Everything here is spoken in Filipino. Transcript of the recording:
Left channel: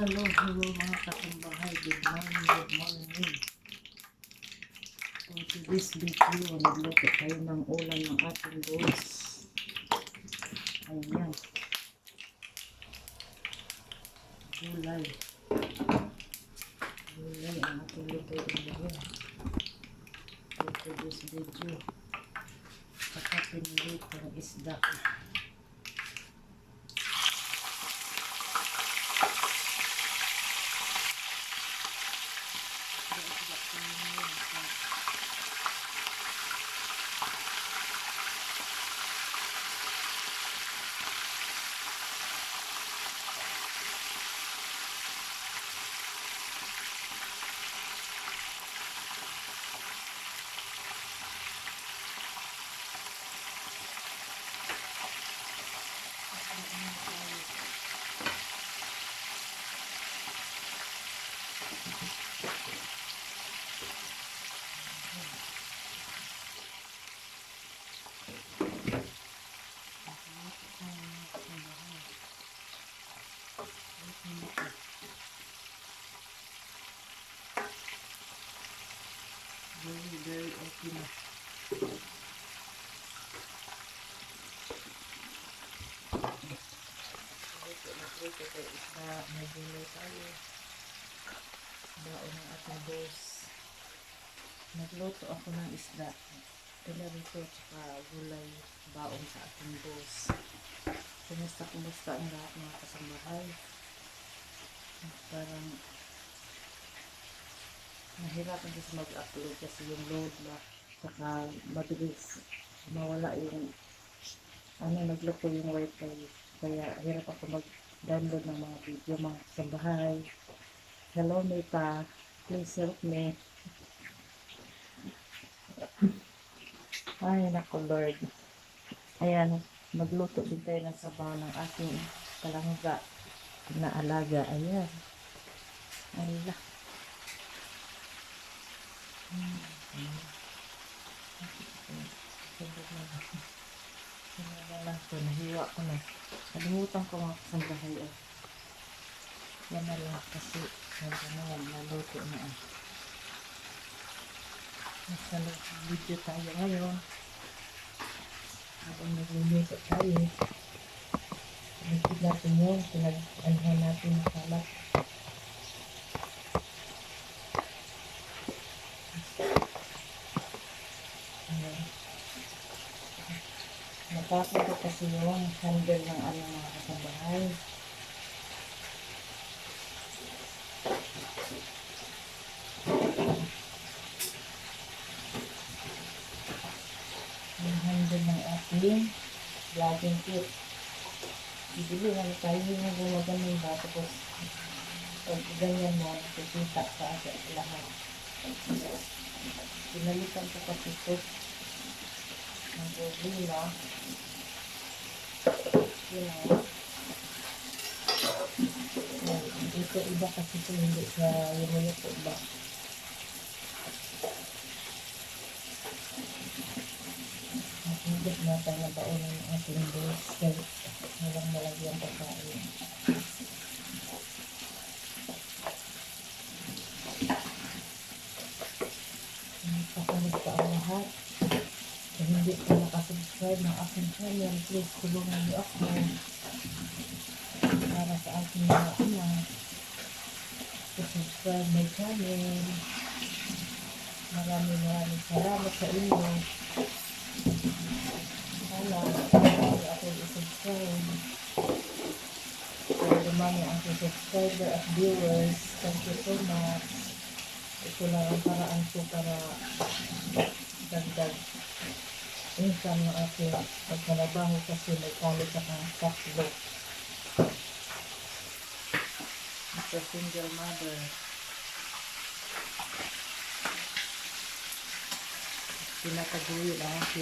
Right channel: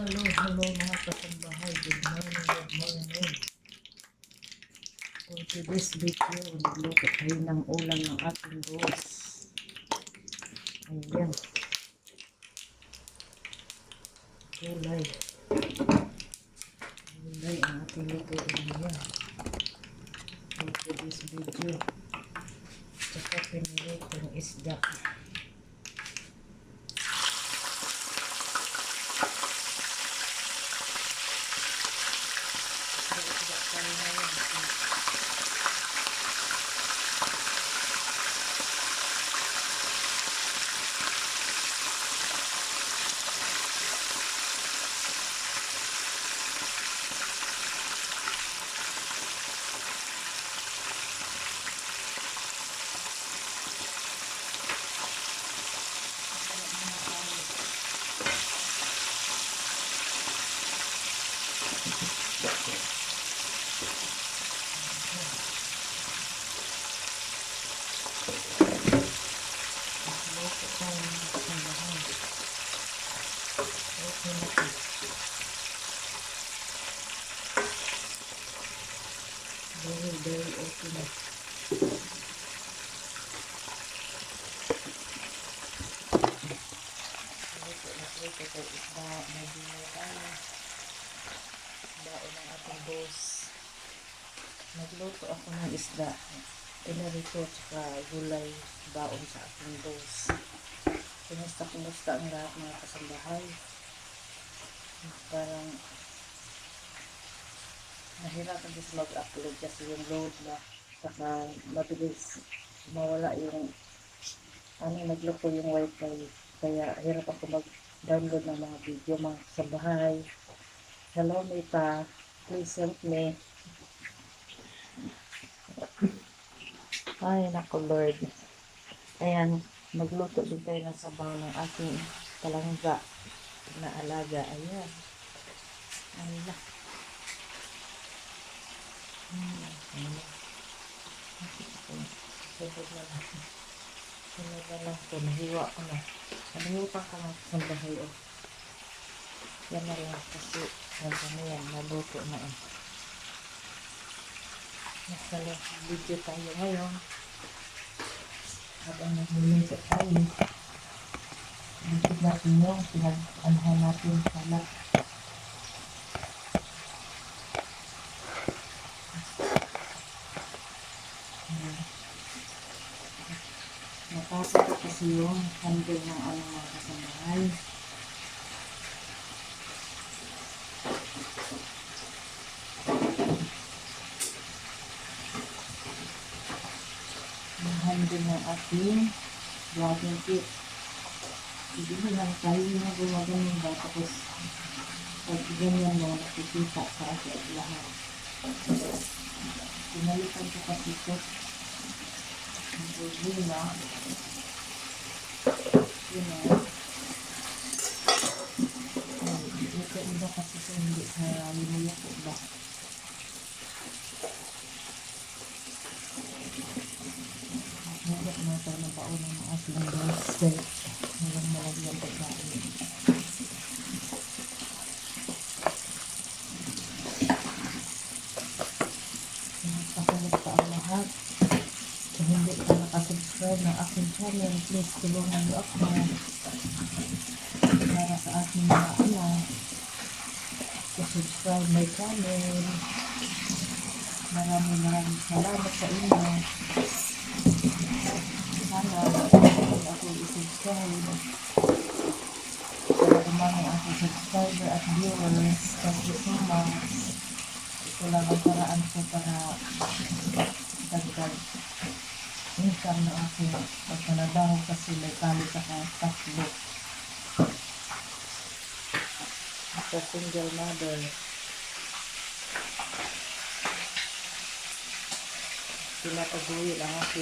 Hello mga kasambahay. Good morning. For today's video, nagluto tayo ng ulam ng ating boss. Ayan. Gulay ang ating lutuin ngayon. For today's video, saka pinilutong isda. Very okay na. Nagluto ko isda, nagluto tayo. Baon ng ating boss. Nagluto ako ng isda. Pinarito tsaka gulay, baon sa ating boss. Kumusta ang lahat mga kasambahay. Parang nahirapan din sa mag-upload kasi yung load ba, saka mabilis mawala yung nagloko yung wifi, kaya hirap ako mag-download ng mga video mga kasambahay. Hello Mita, please help me. Ay nako Lord. Ayan, magluto din tayo ng sabaw ng ating palangga na alaga. Ayan, ala. Sunod na lang ito. Nahiwa ko na. Nalimutan ko mga kasambahay. Yan na lang kasi na yan. Naluto na eh. Nasa video tayo ngayon. Habang nagmumito tayo. Nagkid natin yung pinag-anhay natin salat. Napasok ko kasi yung handle ng mga kasambahay. Yung handle ng ating vlogging kit. Bibilihan tayo na gumaganon ba, tapos pag ganyan mo, nakikita sa asa lahat. Pinalitan ko kasi ito. Ang problema, yun o. Ito iba kasi ito hindi sa yumuyo po ba. Magmulot na tayo ng paunan ng ating boss. Walang malagyan pagkain. Nagpasunod pa ang lahat. Kung hindi ka nakasubscribe ng aking channel, please tulungan niyo ako para sa aking mga anak. Subscribe my channel. Maraming salamat sa inyo. Sana ako i-subscribe para dumami ang subscriber at viewers. Thank you so much. Ito lang ang paraan ko para dagdag income ng aking pagkanabaho kasi may kalit akong tatlo. Sa single mother. Pinataguyo lang ako.